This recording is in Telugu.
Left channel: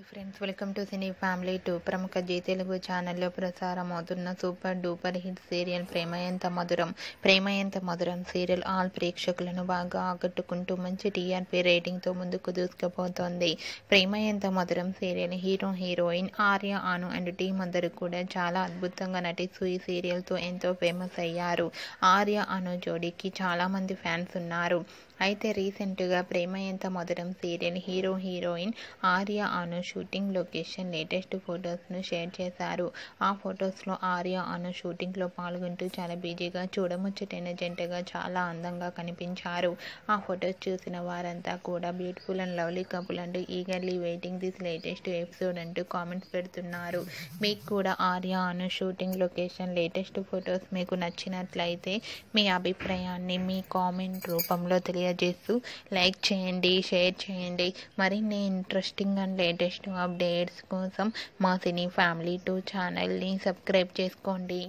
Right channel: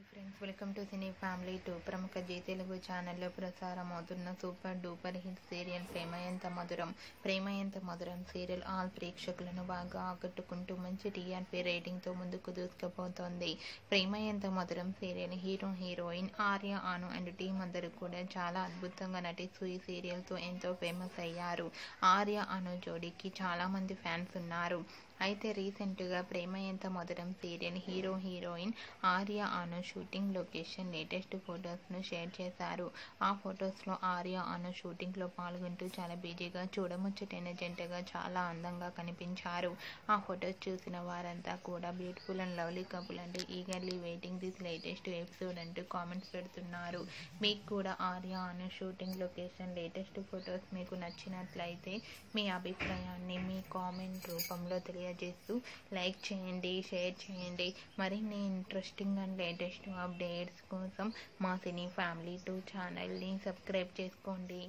Hi friends, welcome to cine family 2. ప్రముఖ జీ తెలుగు ఛానల్లో ప్రసారమవుతున్న సూపర్ డూపర్ హిట్ సీరియల్ ప్రేమ ఎంత మధురం సీరియల్ ఆల్ ప్రేక్షకులను బాగా ఆకట్టుకుంటూ మంచి టీఆర్పీ రేటింగ్తో ముందుకు దూసుకుపోతోంది. ప్రేమ ఎంత మధురం serial heroine Arya, Anu and team అందరూ కూడా చాలా అద్భుతంగా నటిస్తూ ఈ సీరియల్తో ఎంతో ఫేమస్ అయ్యారు. ఆర్య, అను జోడీకి చాలామంది ఫ్యాన్స్ ఉన్నారు. అయితే రీసెంట్గా ప్రేమ ఎంత మధురం సీరియల్ హీరోయిన్ ఆర్య, అను షూటింగ్ లొకేషన్ లేటెస్ట్ ఫొటోస్ను షేర్ చేశారు. ఆ ఫొటోస్లో ఆర్య, అను షూటింగ్లో పాల్గొంటూ చాలా బిజీగా చూడముచ్చటైన జంటగా చాలా అందంగా కనిపించారు. ఆ ఫొటోస్ చూసిన వారంతా కూడా బ్యూటిఫుల్ అండ్ లవ్లీ కపుల్ అంటూ eagerly waiting this latest episode అంటూ కామెంట్స్ పెడుతున్నారు. మీకు కూడా ఆర్య, అను షూటింగ్ లొకేషన్ లేటెస్ట్ ఫొటోస్ మీకు నచ్చినట్లయితే మీ అభిప్రాయాన్ని మీ కామెంట్ రూపంలో తెలియజేస్తూ లైక్ చేయండి, షేర్ చేయండి. మరిన్ని ఇంట్రెస్టింగ్ అండ్ లేటెస్ట్ అప్డేట్స్ కోసం మా సినీ ఫ్యామిలీ 2 ఛానల్ని సబ్స్క్రైబ్ చేసుకోండి.